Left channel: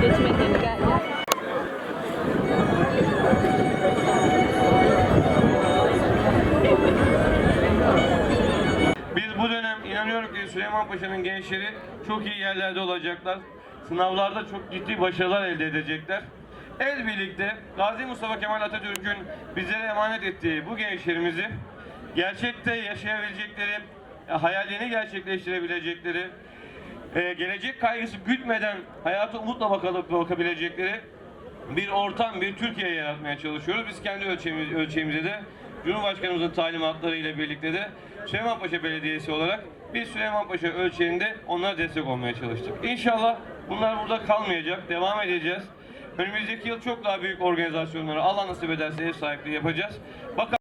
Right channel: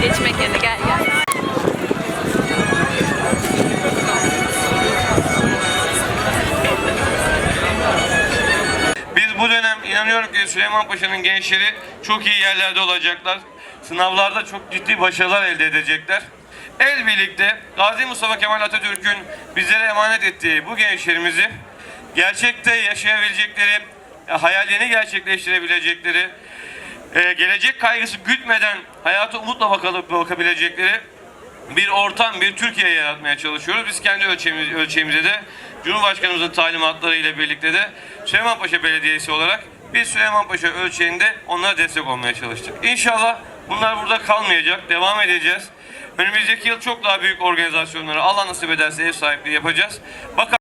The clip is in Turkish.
Geçmek yerine gel gel. Biz bu dönem inanıyorum ki Süleyman Paşa'nın gençleri çok iyi yerlerde olacaklar. Sınavlarda çok ciddi başarılar elde edecekler. El birlikte Gazi Mustafa Kemal Atatürk'ün bizlere emanet ettiği bu gençlerimizi gerçekte yaşayabilecekleri, hayallerini gerçekleştirebilecekleri, e, gelecek kaygısı gütmeden hayata umutla bakalıp bakabilecekleri bir ortam, bir Türkiye yaratmaya çalışıyoruz. Biz kendi ölçeğimiz, ölçeğimize de Cumhurbaşkanımızın talimatları ile birlikte de Süleymanpaşa Belediyesi olarak biz Süleymanpaşa ölçeğinde onlara destek olmaya çalıştık. İnşallah bunlar burada kalmayacak, devam edeceğiz. Önümüzdeki yıl çok daha büyük organizasyonlara Allah nasip ederse ev sahipliği yapacağız. Bakalım